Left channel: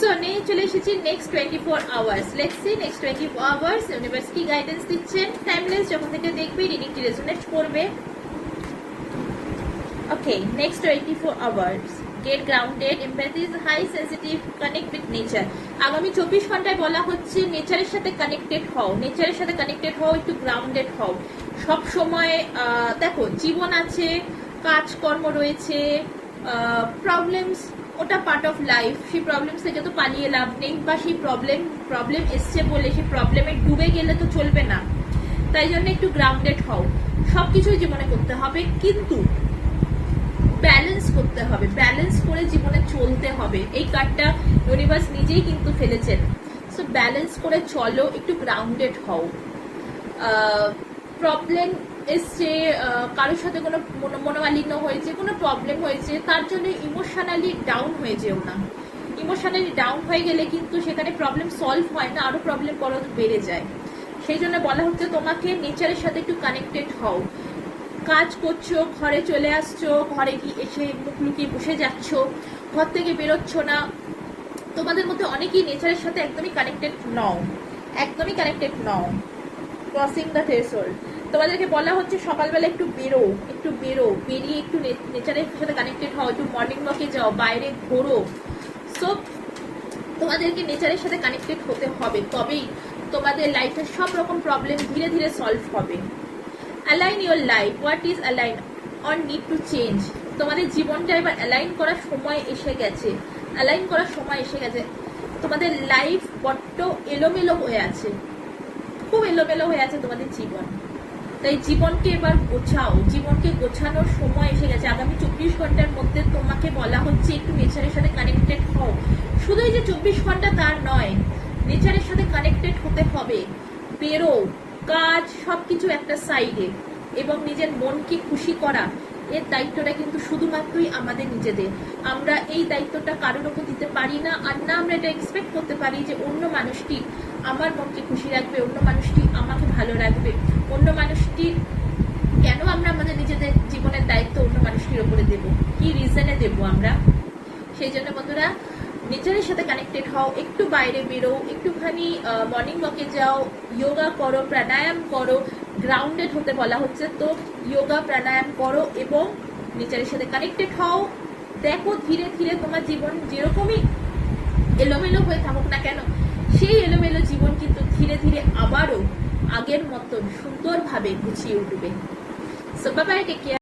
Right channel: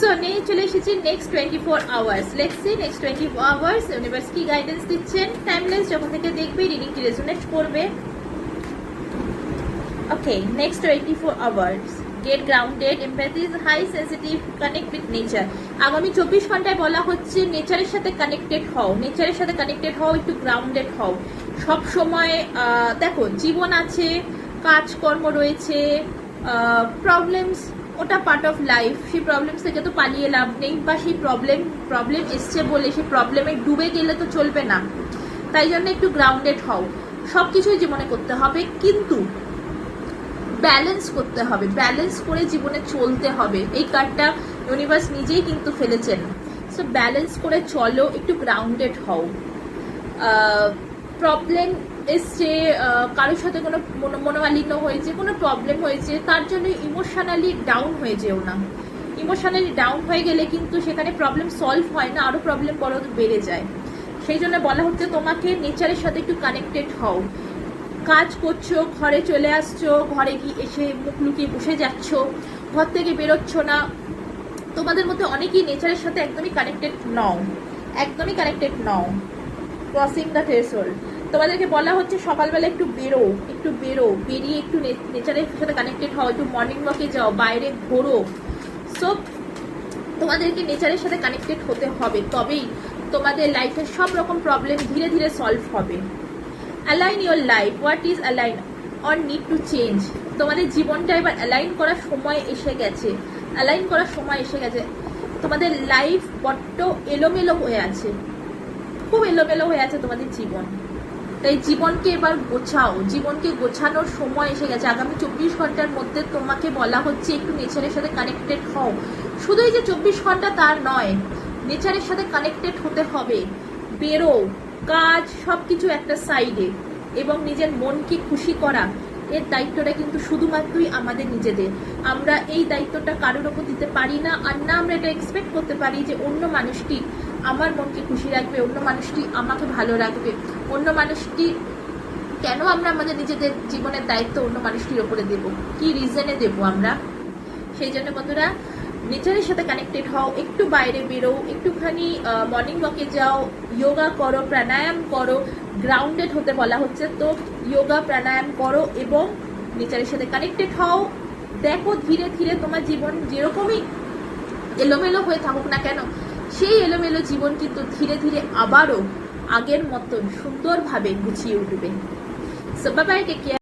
So নিয়ে চলে এসেছি next 24 hours. Let's see next 24 hours universe কি গাইডেন্স দিচ্ছেন। টাইমলেস যখন থেকে দেখবে রিডিংটি রেজোনেট করবে। Okay, next 24 hours. Get grounded, empathy is high, sensitive, connect with nature. আগামী 24 ঘন্টায় বলা হচ্ছে নেচারের সাথে কানেক্টেড হও, নেচারের সাথে কানেক্টেড হও, একটু গ্রাউন্ডেড হও। সব সময় দেখো জীবন আছে, কাজকর্ম রয়েছে, প্রবলেমস ওটা পার্ট অফ লাইফ। সেই প্রবলেম থেকে তো পালিয়ে লাভ নেই, বা সেই প্রবলেম এসছে বলে সেই প্রবলেমে ডুবে গেলে তো চলবে না। তাই জন্য একটু গ্রাউন্ডেড হও। সবকিছুই জীবনে করতে হবে, কিন্তু ব্যালেন্স করতে হবে, ব্যালেন্স করে জীবনে চলতে হবে। এই কার্ডটা ইউনিভার্স নিজেই কিন্তু ফেলেছেন। সো ব্যালেন্স করে চলো, একটু গ্রাউন্ডেড হও। প্রবলেম এসছে, কারোর সাথে কোনো মনোমালিন্য হয়েছে, কোনো প্রবলেম হয়েছে, তার জন্য ইমোশনালি ডাউন হয়ে যেও না। ইমোশনালি ডাউন হয়ে গেলে কিন্তু সেখানে প্রবলেম সলভ হয় না, আরো প্রবলেম বরং বেড়ে যায়। সেই জন্য বলা হচ্ছে তোমাকে নেচারের সাথে একটু কানেক্টেড হও। কাজ করছো, ঘরে চলে আসছো, ঘরে কি এসে মুখ লুকিয়ে বসে যাচ্ছ, ঘর থেকে বেরোচ্ছ না। তোমাদের মধ্যে অনেকেই নেচারের সাথে একদমই কানেক্টেড নও, একদমই কানেক্টেড নও। ক্রসিং দ্য থ্রেশহোল্ড, তোমাদেরকে বলা হচ্ছে সকালবেলা একটু বেরো, একটু বেরিয়ে একটু নেচারের সাথে কানেক্টেড হও, একটু মর্নিং ওয়াকে যাও, বাইরে ঘোরো। সো তোমাদেরকে নেচারের সাথে কানেক্টেড হতে হবে, তবেই তোমাদের লাইফের সব রকম প্রবলেম ধীরে ধীরে সলভ হবে। Align your life, what is align or need to change. তোমাদের জীবনটা এবার অ্যালাইন করার সময় এসে গেছে, অ্যালাইন করার সময় এসে গেছে। তোমাদের লাইফ বড্ড এলোমেলো হয়ে আছে, খুব এলোমেলো হয়ে আছে তোমাদের জীবন। তাই জীবনকে এবার গোছাও, জীবনকে গোছানোর সময় এসে গেছে। আগামী 24 ঘন্টার মধ্যে তোমাকে বলা হচ্ছে একটু নেচারের সাথে কানেক্টেড হও। শুধু এই যে 24 ঘন্টা তার নয়, নেচারের সাথে কানেক্টেড হতে হবে। বেরো, কাজ সবকিছু একটা সাইডে, এবং নিজের মনকে খুশি করা, এর দায়িত্বটা কিন্তু শুধুমাত্রই আমাদের নিজেদের। আমরা এই দায়িত্বটা কারোর ওপর দিতে পারি না, আর না আমরা এটা এক্সপেক্ট করতে পারি যে অন্য মানুষটি আমার মনকে খুশি রাখবে, অন্য মানুষটি আমাকে ভালো রাখবে। অন্য মানুষটি কেন আমরা আমাদের নিজেদের জীবনের দায়িত্ব অন্য মানুষটির ওপরে দেব, কি রিজনে দেব আমরা? সেই জন্য বন্ধুরা, নেচারের সাথে কানেক্টেড হও, একটু বাইরে বেরো, একটুখানি মর্নিং ওয়াকে যাও, যোগা করো, প্রাণায়াম করো। গ্রাউন্ডেড হতে বলা হচ্ছে, তো যোগা প্রাণায়াম করো এবং নেচারের সাথে কানেক্টেড হও। দেখো ধীরে ধীরে তোমার জীবন যেরকমই এলোমেলো হয়ে থাকুক না কেন, সেই এলোমেলো জীবন কিন্তু ধীরে ধীরে আবারও আগের মতন সুন্দরভাবে গুছিয়ে উঠবে। So bye bye, take care.